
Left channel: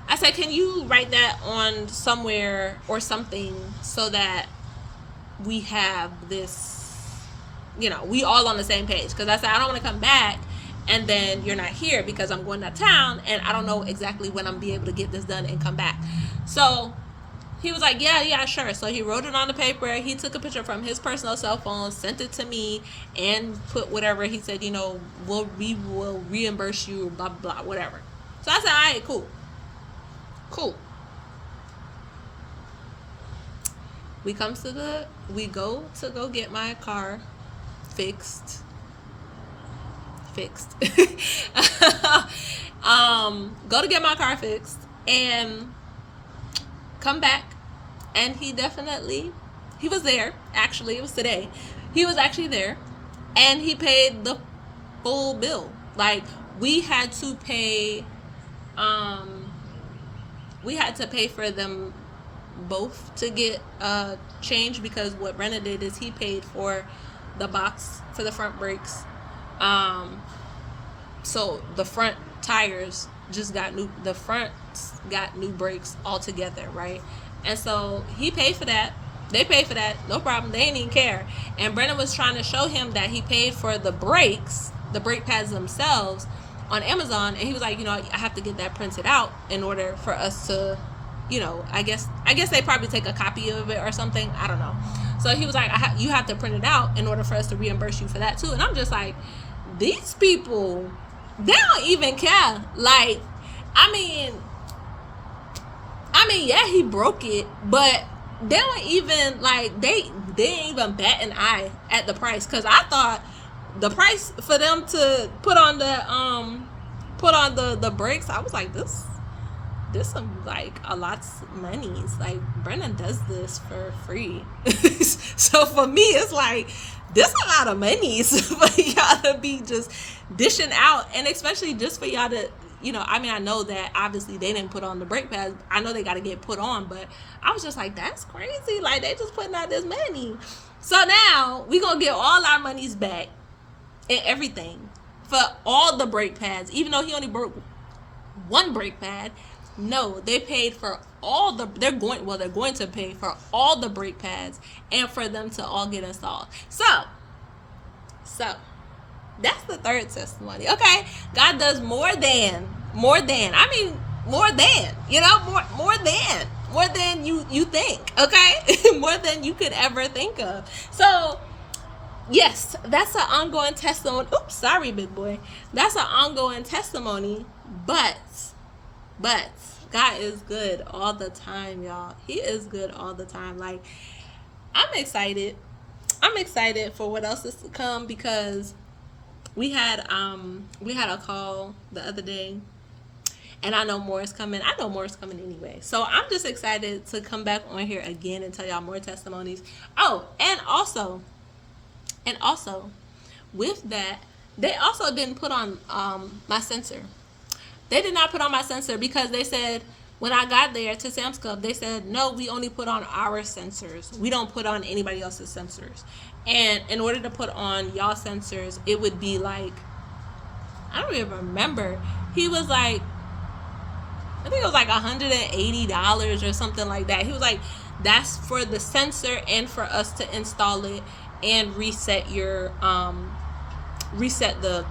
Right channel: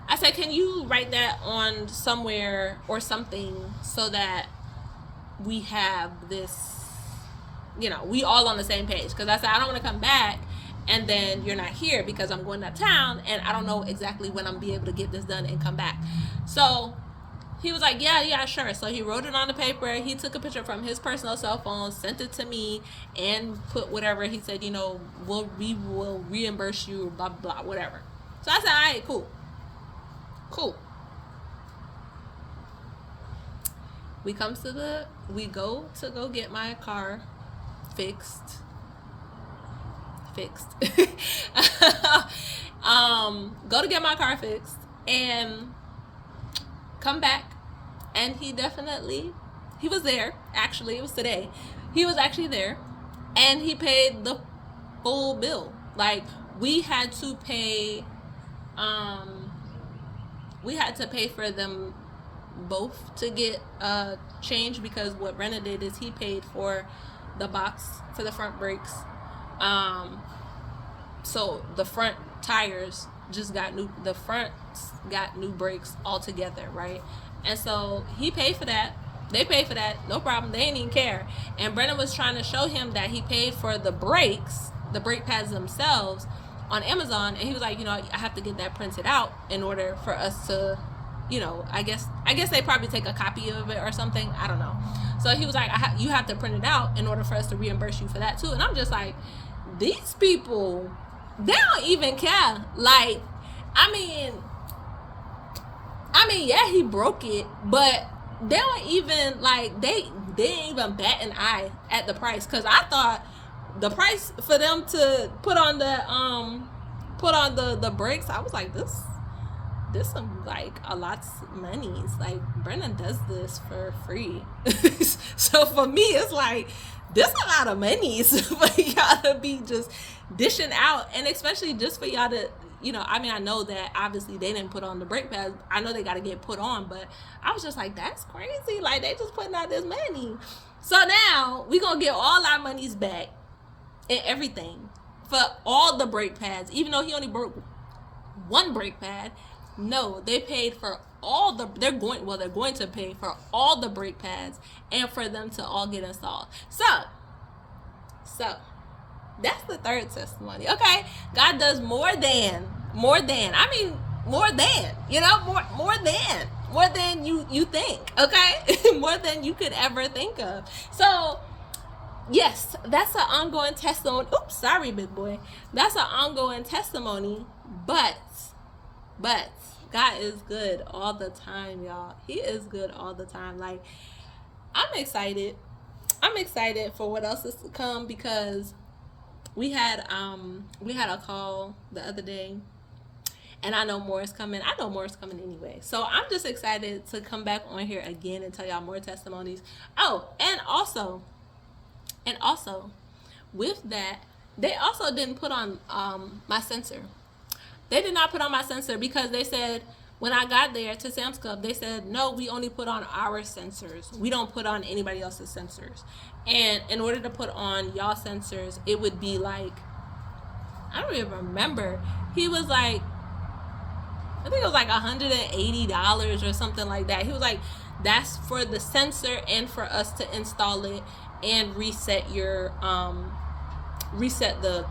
I said, can you write that on somewhere or something so that we have this, we all on the same page? Because I said, I don't want to come back and then you're not here because I'm going out of town and I don't know exactly when I'm be able to get this done and come back. So he was like, yeah, sure. So he wrote it on the paper. He took a picture from his personal cell phone, sent it to me, and put whatever. He said, we will reimburse you, blah, blah, blah, whatever. So I said, all right, cool. We go to go get my car fixed. Go to get my car fixed and come back, and he was there. Actually, it was today. He was actually there, and he paid the full bill. Like, we had to pay for them both to get changed, because what Brenna did is he paid for the box for the front brakes. So the front tires the fronts got new brakes altogether, right? And so he paid for that. They paid for that, no problem. They didn't even care. And Brenna was trying to show him that he paid for the brakes, the brake pads themselves, on Amazon, and he was like, I have to get that printed out in order for us to, I guess they probably take a copy of it or something. I don't know. So he was like, you have to print it out in order for us to reimburse you for that too. And I'm just like, these people, they don't even care. Like, I mean, yeah, he broke it, but they don't even like they didn't even bat an eye at the price, because I thought the price for them to put on the brakes, I was like, this some like a lot's monies. Like Brennan does this for free. So for me it's like this a lot of monies for y'all to be just dishing out, and especially just for y'all to, you know, I mean, I know that obviously they didn't put on the brake pads. I know they got to get put on, but I was just like, that's crazy. Like, they just putting out this money. So now we going to get all our monies back and everything for all the brake pads, even though he only broke one brake pad. No, they paid for all the, they're going to pay for all the brake pads and for them to all get installed. So that's the third testimony. Okay, God does more than. I mean, more than, you know, more than you think. Okay, more than you could ever think of. So yes, that's an ongoing testimony. Oops, sorry, big boy. That's an ongoing testimony, but God is good all the time, y'all. He is good all the time. Like, I'm excited for what else is to come, because we had a call the other day, and I know more is coming. I know more is coming anyway. So I'm just excited to come back on here again and tell y'all more testimonies. Oh, and also with that, they also didn't put on my sensor. They did not put on my sensor, because they said when I got there to Sam's Club, they said, no, we only put on our sensors. We don't put on anybody else's sensors. And in order to put on y'all sensors, it would be like, I don't even remember. He was like, I think it was like $180 or something like that. He was like, that's for the sensor and for us to install it and reset your reset the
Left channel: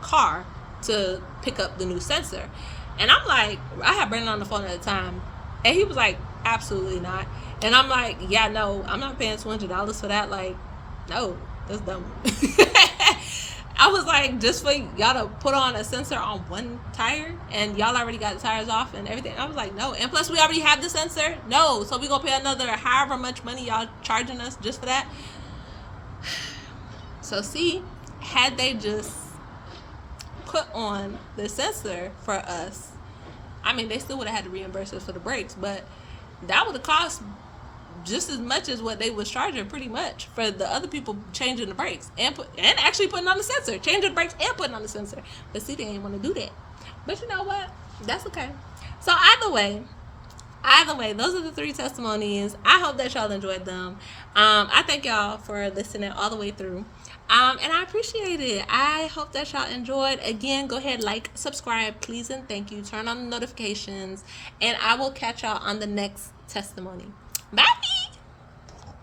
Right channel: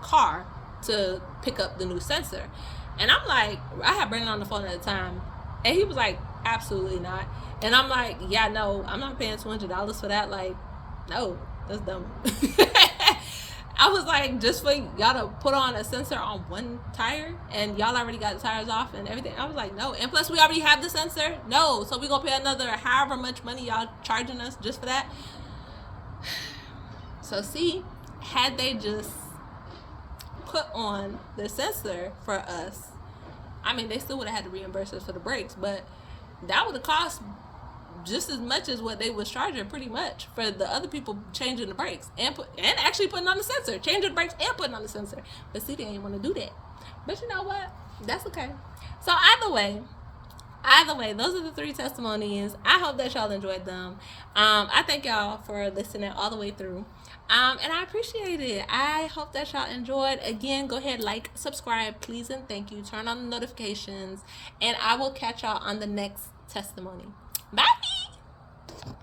car to pick up the new sensor. And I'm like, I had Brandon on the phone at the time, and he was like, absolutely not. And I'm like, yeah, no, I'm not paying $200 for that. Like, no, that's dumb. I was like, just for y'all to put on a sensor on one tire, and y'all already got the tires off and everything. I was like, no. And plus, we already have the sensor. No, so we gonna pay another however much money y'all charging us just for that. So see, had they just put on the sensor for us, I mean, they still would have had to reimburse us for the brakes, but that would have cost just as much as what they was charging, pretty much, for the other people changing the brakes and actually putting on the sensor, changing the brakes and putting on the sensor. But see, they ain't want to do that. But you know what? That's okay. So either way, those are the three testimonies. I hope that y'all enjoyed them. I thank y'all for listening all the way through. And I appreciate it. I hope that y'all enjoyed. Again, go ahead, like, subscribe, please, and thank you. Turn on the notifications, and I will catch y'all on the next testimony. Bye.